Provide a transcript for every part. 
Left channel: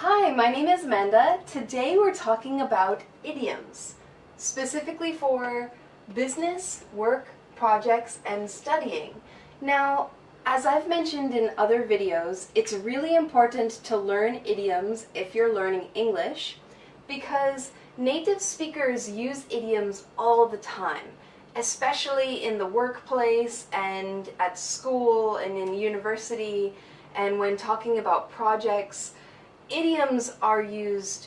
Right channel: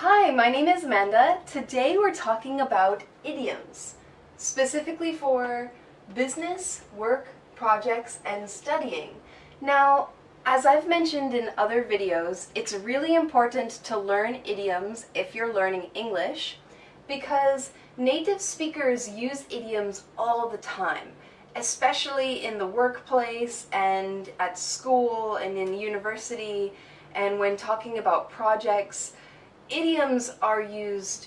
Hi, my name is Amanda. Today we're talking about idioms, specifically for business, work, projects, and studying. Now, as I've mentioned in other videos, it's really important to learn idioms if you're learning English because native speakers use idioms all the time, especially in the workplace and at school and in university and when talking about projects. Idioms are used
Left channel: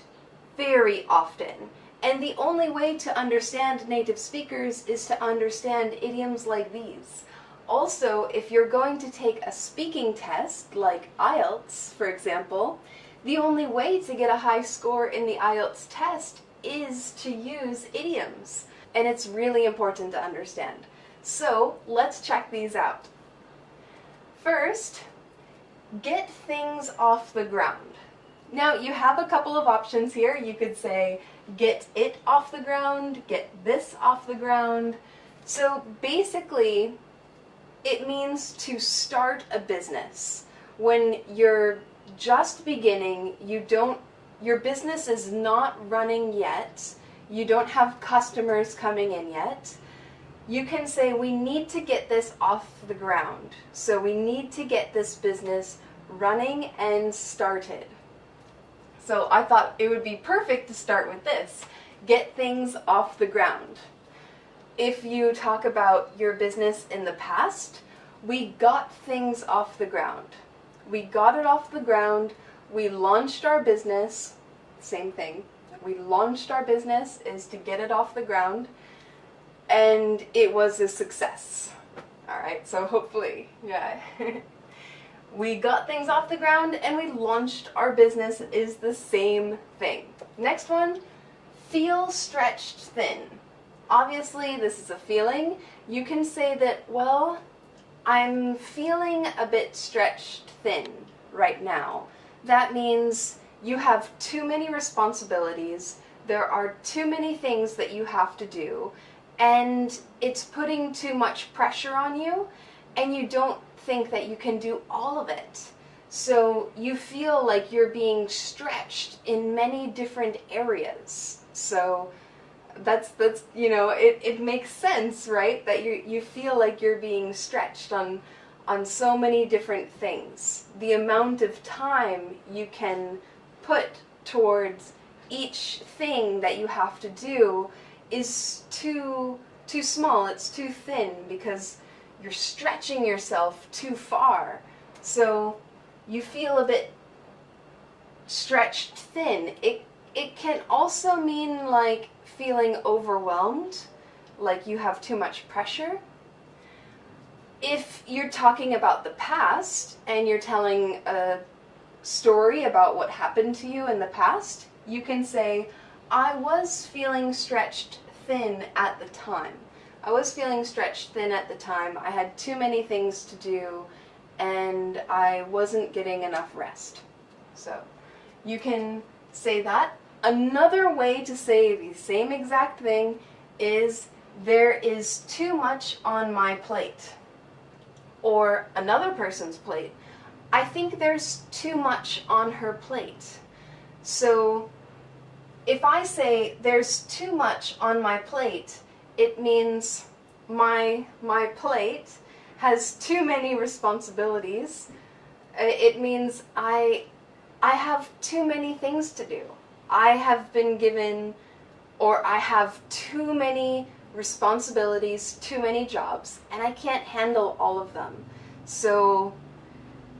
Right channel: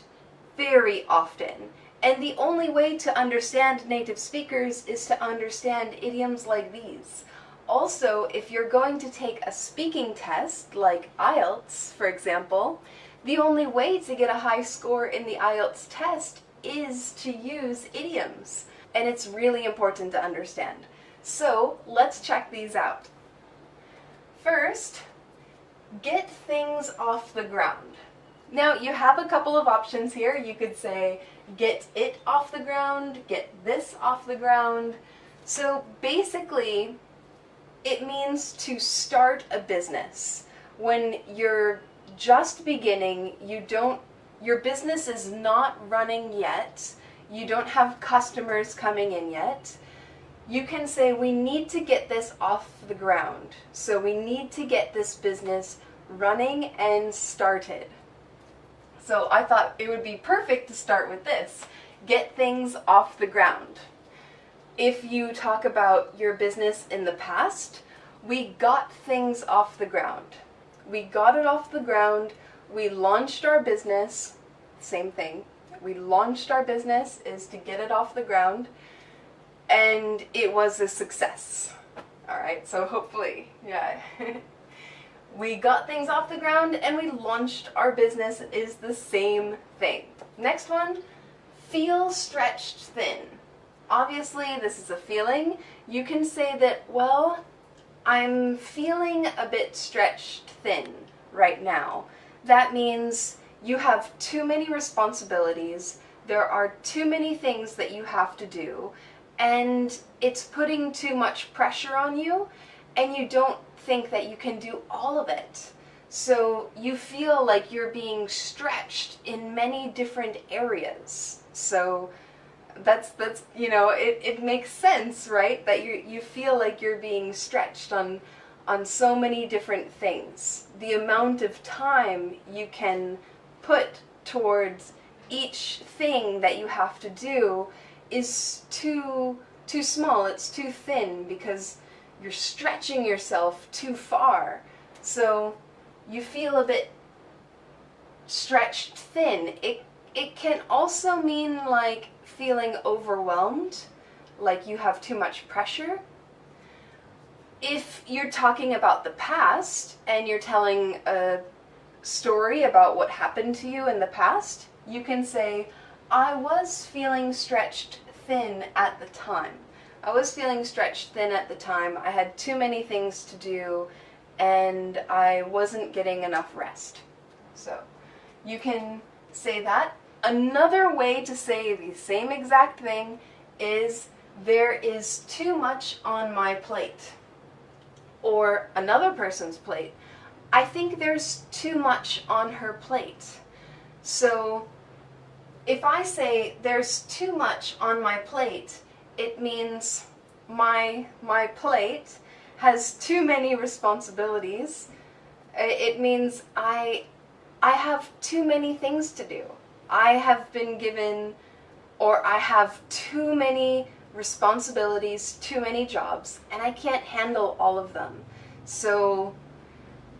very often, and the only way to understand native speakers is to understand idioms like these. Also, if you're going to take a speaking test, like IELTS, for example, the only way to get a high score in the IELTS test is to use idioms, and it's really important to understand. So, let's check these out. First, get things off the ground. Now, you have a couple of options here. You could say, get it off the ground, get this off the ground. So basically, it means to start a business. When you're just beginning, your business is not running yet, you don't have customers coming in yet, you can say, we need to get this off the ground. So we need to get this business running and started. So I thought it would be perfect to start with this. Get things off the ground. If you talk about your business in the past, we got things off the ground. We got it off the ground. We launched our business. Same thing. We launched our business is to get it off the ground. And it was a success. All right, so hopefully, yeah. We got things off the ground and we launched our business is the same thing. Next one, feel stretched thin. Obviously, this is a feeling. You can say that, well, I'm feeling a bit stretched thin right now. That means you have too many responsibilities, there are too many things that you have to do, and it's putting too much pressure on you, and you don't think that you can do all of it. So you feel like you're being stretched in many different areas. So that's it makes sense, right? That you feel like you're being stretched on so many different things. The amount of time you can put towards each thing that you have to do is too small, it's too thin, because you're stretching yourself too far. So you feel a bit stretched thin. It can also mean like feeling overwhelmed, like you have too much pressure. If you're talking about the past and you're telling a story about what happened to you in the past, you can say, I was feeling stretched thin at the time. I was feeling stretched thin at the time. I had too many things to do and I wasn't getting enough rest. So you can say that. Another way to say the same exact thing is there is too much on my plate. Or another person's plate. I think there's too much on her plate. So if I say there's too much on my plate, it means my plate has too many responsibilities. It means I have too many things to do. I have been given, or I have too many responsibilities, too many jobs, and I can't handle all of them. So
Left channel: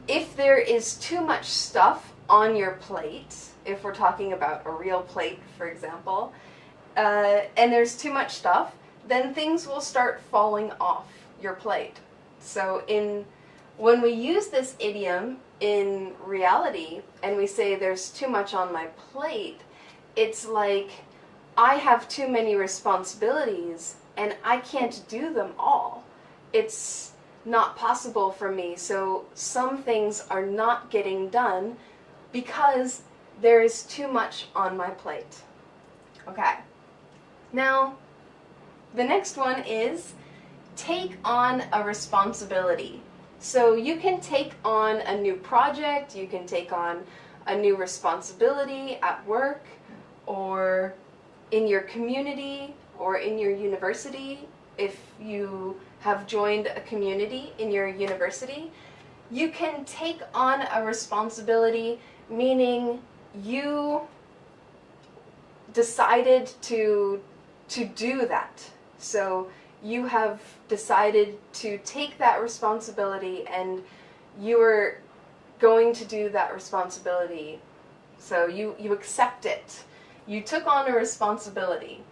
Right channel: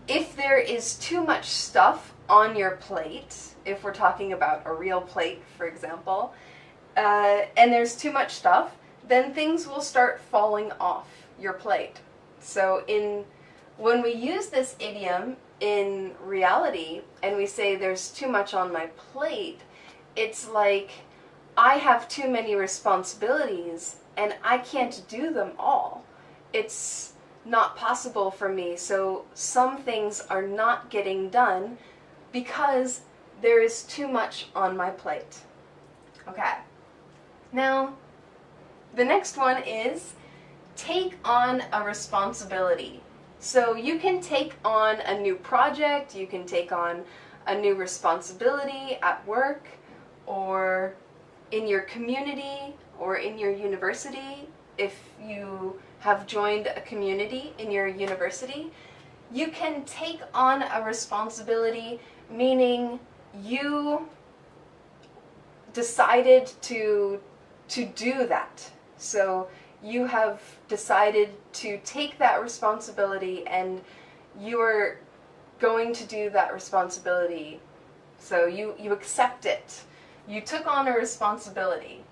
if there is too much stuff on your plate, if we're talking about a real plate, for example, and there's too much stuff, then things will start falling off your plate. So when we use this idiom in reality and we say there's too much on my plate, it's like I have too many responsibilities and I can't do them all. It's not possible for me, so some things are not getting done because there is too much on my plate. Okay. Now, the next one is take on a responsibility. So you can take on a new project, you can take on a new responsibility at work or in your community or in your university. If you have joined a community in your university, you can take on a responsibility, meaning you decided to do that. So you have decided to take that responsibility and you're going to do that responsibility. So you accept it. You took on a responsibility.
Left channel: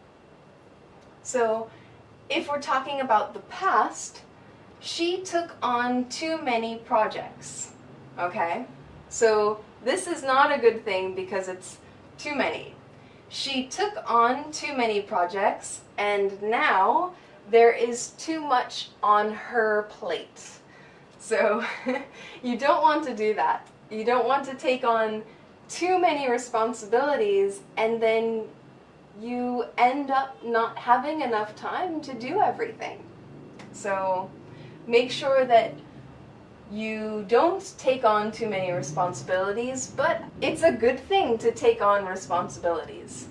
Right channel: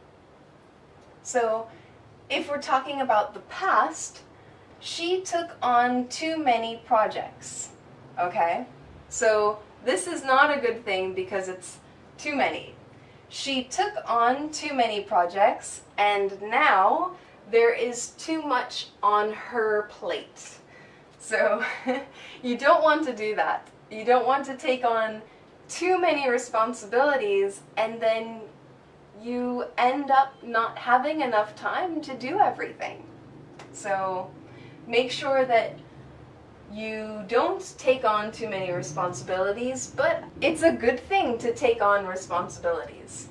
So if we're talking about the past, she took on too many projects. Okay? So this is not a good thing because it's too many. She took on too many projects and now there is too much on her plate. So you don't want to do that. You don't want to take on too many responsibilities and then you end up not having enough time to do everything. So make sure that you don't take on too many responsibilities, but it's a good thing to take on responsibilities.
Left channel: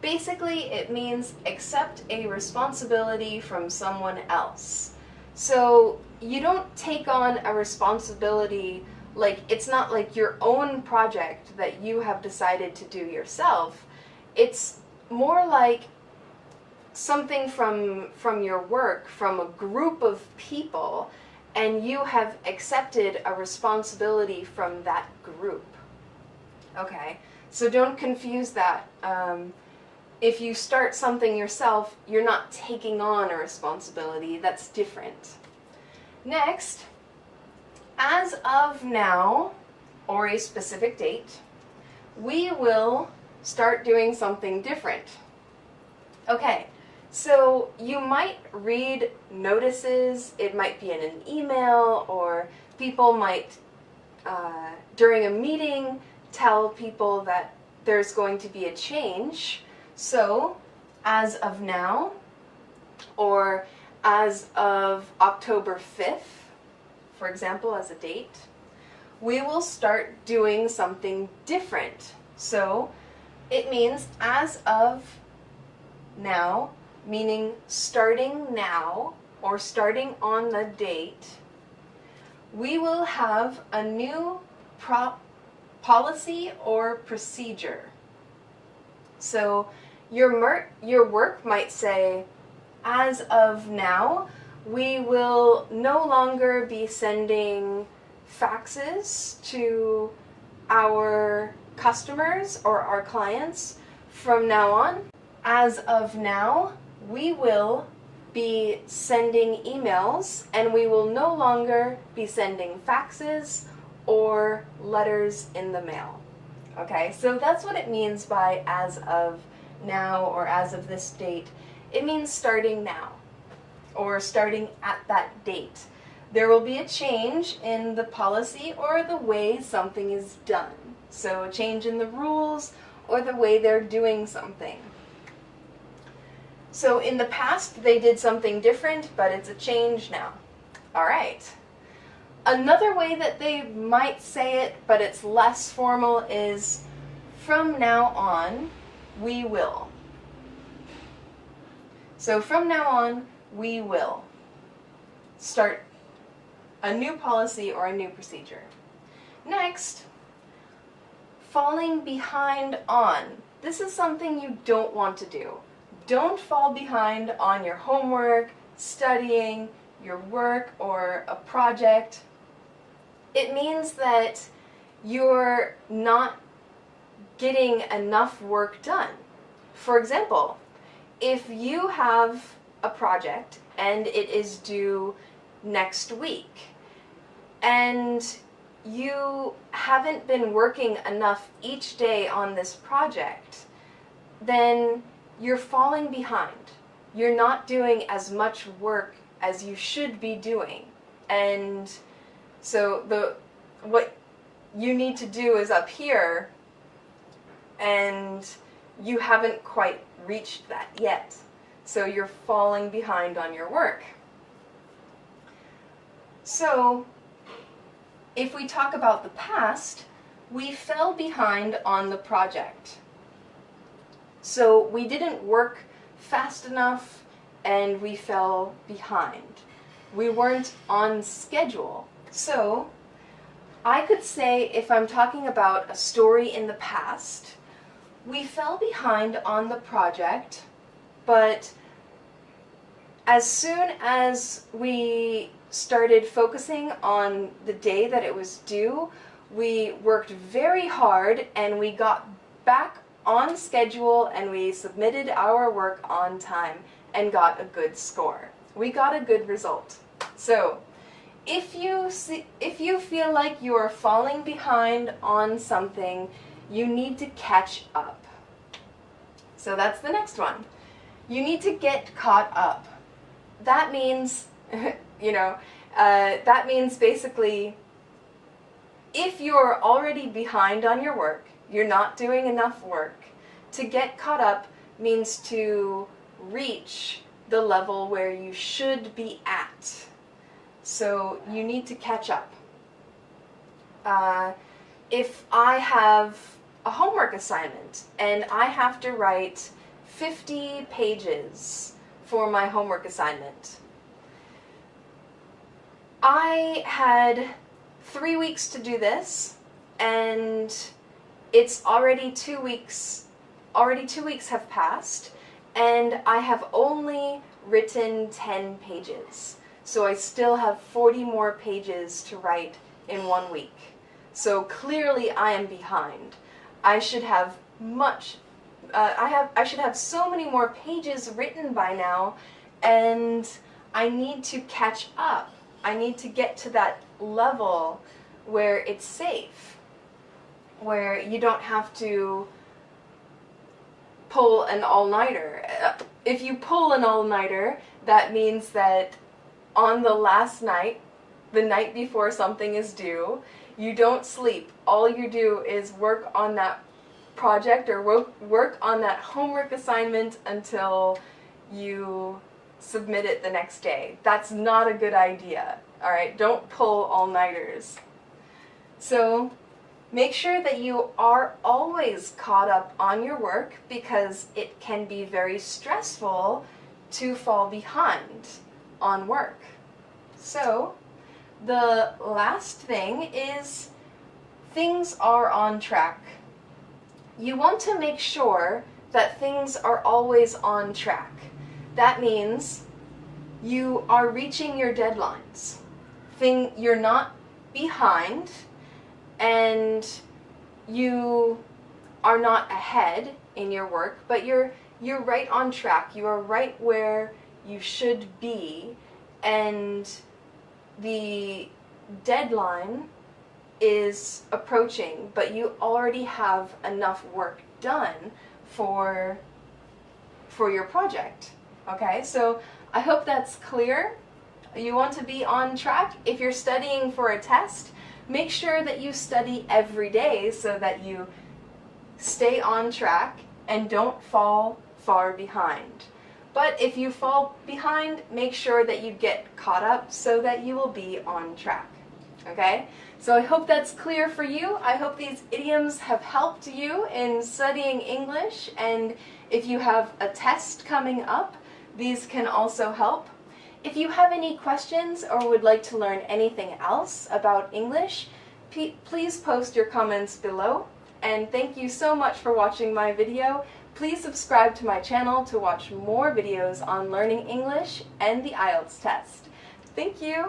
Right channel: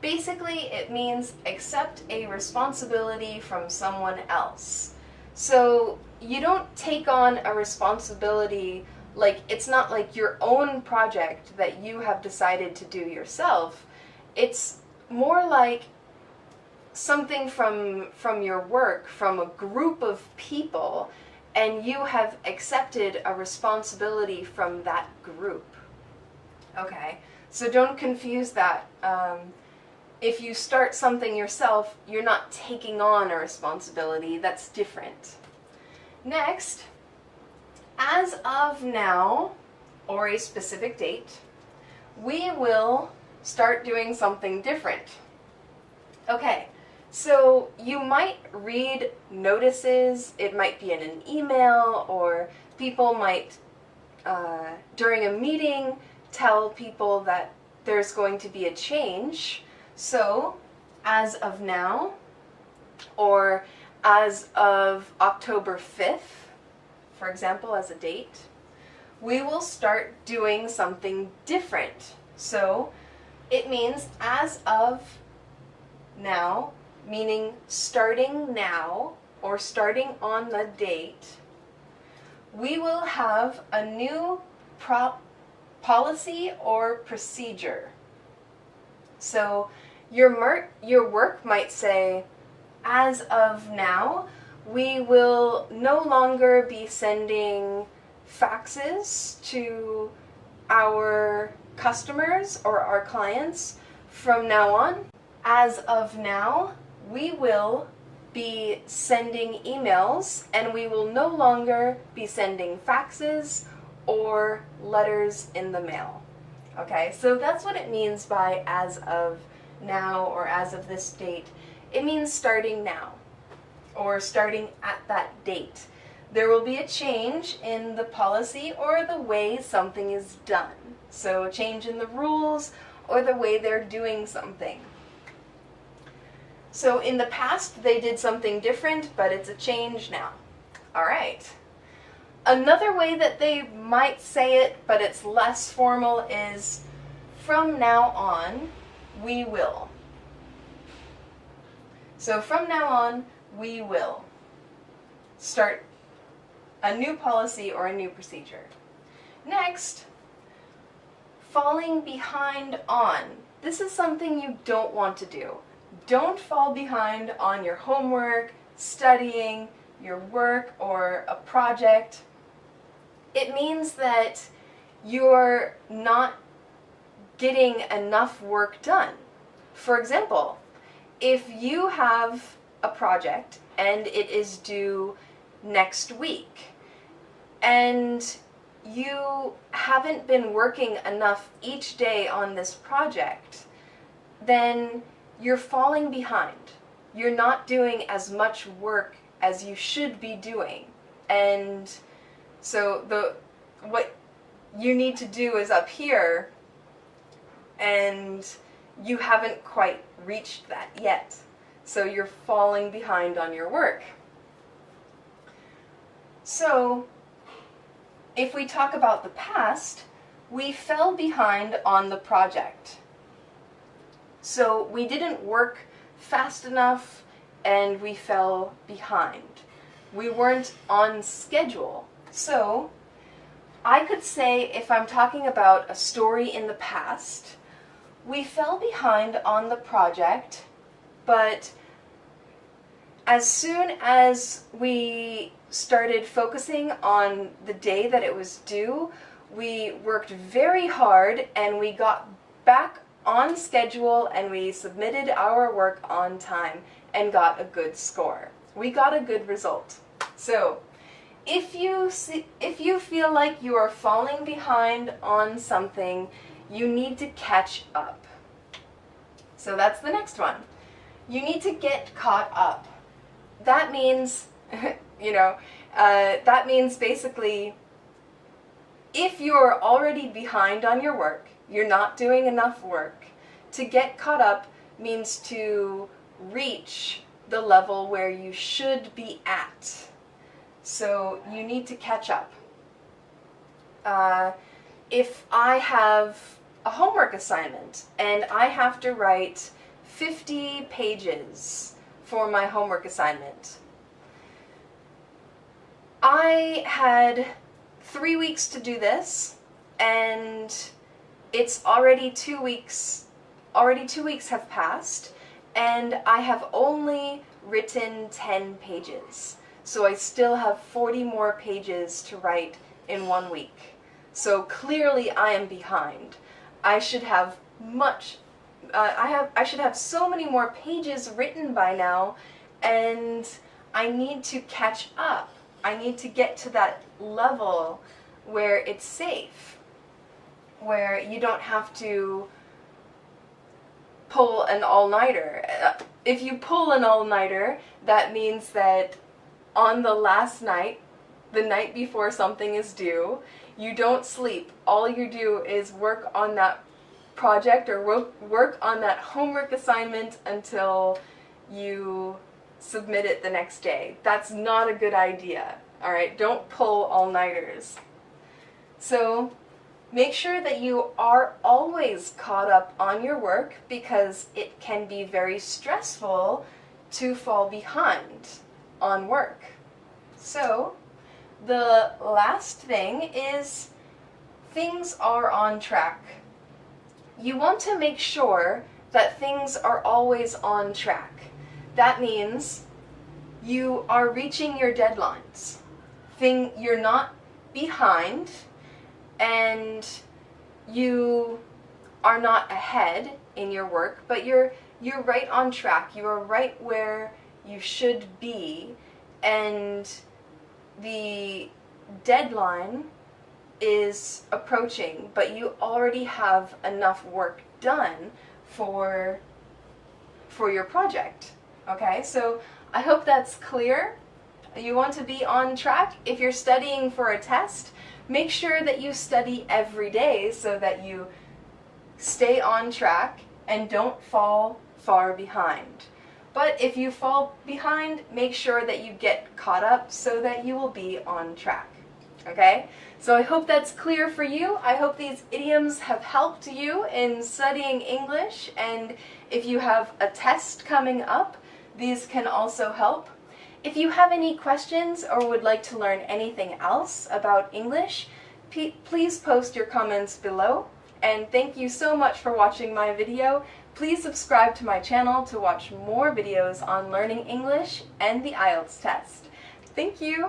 Basically, it means accept a responsibility from someone else. So you don't take on a responsibility like it's not like your own project that you have decided to do yourself. It's more like something from your work, from a group of people, and you have accepted a responsibility from that group. Okay, so don't confuse that. If you start something yourself, you're not taking on a responsibility. That's different. Next, as of now, or a specific date, we will start doing something different. Okay, so you might read notices. It might be in an email, or people might, during a meeting, tell people that there's going to be a change. So, as of now, or as of October 5th, for example, as a date, we will start doing something different. So, it means as of now, meaning starting now, or starting on the date, we will have a new policy or procedure. So your work might say, as of now, we will no longer be sending faxes to our customers or our clients from now on. As of now, we will be sending emails and we will no longer be sending faxes or letters in the mail. Okay, so that's what it means by as of now or as of this date. It means starting now or starting at that date. There will be a change in the policy or the way something is done. So a change in the rules or the way they're doing something. So in the past they did something different, but it's a change now. All right. Another way that they might say it, but it's less formal, is from now on, we will. So from now on, we will start a new policy or a new procedure. Next, falling behind on. This is something you don't want to do. Don't fall behind on your homework, studying, your work, or a project. It means that you're not getting enough work done. For example, if you have a project and it is due next week and you haven't been working enough each day on this project, then you're falling behind. You're not doing as much work as you should be doing. And so what you need to do is up here, and you haven't quite reached that yet. So you're falling behind on your work. So if we talk about the past, we fell behind on the project. So we didn't work fast enough and we fell behind. We weren't on schedule. So I could say, if I'm talking about a story in the past, we fell behind on the project, but as soon as we started focusing on the day that it was due, we worked very hard and we got back on schedule and we submitted our work on time and got a good score. We got a good result. So, if you feel like you are falling behind on something, you need to catch up. So that's the next one. You need to get caught up. That means, that means basically, if you're already behind on your work, you're not doing enough work, to get caught up means to reach the level where you should be at. So you need to catch up. If I have a homework assignment and I have to write 50 pages for my homework assignment, I had 3 weeks to do this, and it's already 2 weeks. Already 2 weeks have passed, and I have only written 10 pages. So I still have 40 more pages to write in 1 week. So clearly I am behind. I should have I should have so many more pages written by now, and I need to catch up. I need to get to that level where it's safe, where you don't have to pull an all-nighter. If you pull an all-nighter, that means that on the last night, the night before something is due, you don't sleep. All you do is work on that project or work on that homework assignment until you submit it the next day. That's not a good idea. Alright, don't pull all-nighters. So make sure that you are always caught up on your work, because it can be very stressful to fall behind on work. So the last thing is, things are on track. You want to make sure that things are always on track. That means you are reaching your deadlines. You're not behind, and you are not ahead in your work, but you're right on track. You are right where you should be, and the deadline is approaching, but you already have enough work done for your project. Okay, so I hope that's clear. You want to be on track. If you're studying for a test, make sure that you study every day so that you stay on track and don't fall far behind. But if you fall behind, make sure that you get caught up so that you will be on track. Okay? So I hope that's clear for you. I hope these idioms have helped you in studying English, and if you have a test coming up, these can also help. If you have any questions or would like to learn anything else about English, please post your comments below. And thank you so much for watching my video. Please subscribe to my channel to watch more videos on learning English and the IELTS test. Thank you!